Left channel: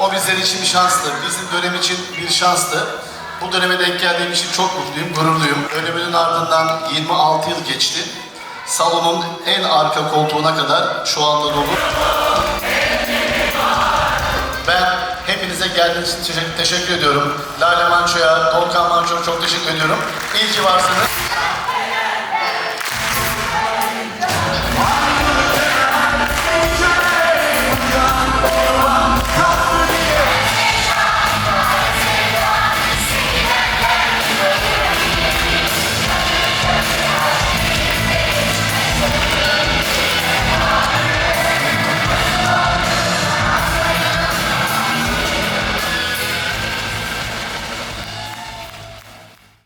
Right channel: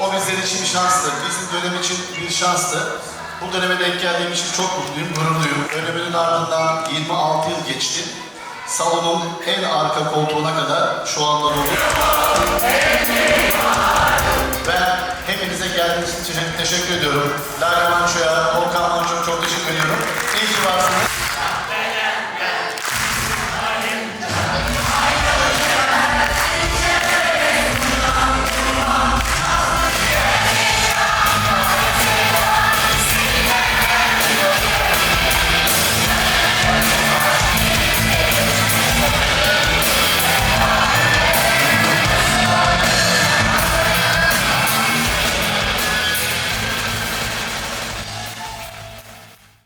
O bizler için şanstı. Bizim dönem için bir şanstı. Bu döneme denk geldiğim için çok mutluyum, gururluyum. Ölemenin ardından 26 yıl geçti. Salonun en arka koltuğuna kadar şu anda dolu. Ben hepinize geldiğiniz için teşekkür ediyorum. Lale Manço'ya, Volkan Manço'ya çok teşekkür ediyorum. İyi ki varsınız.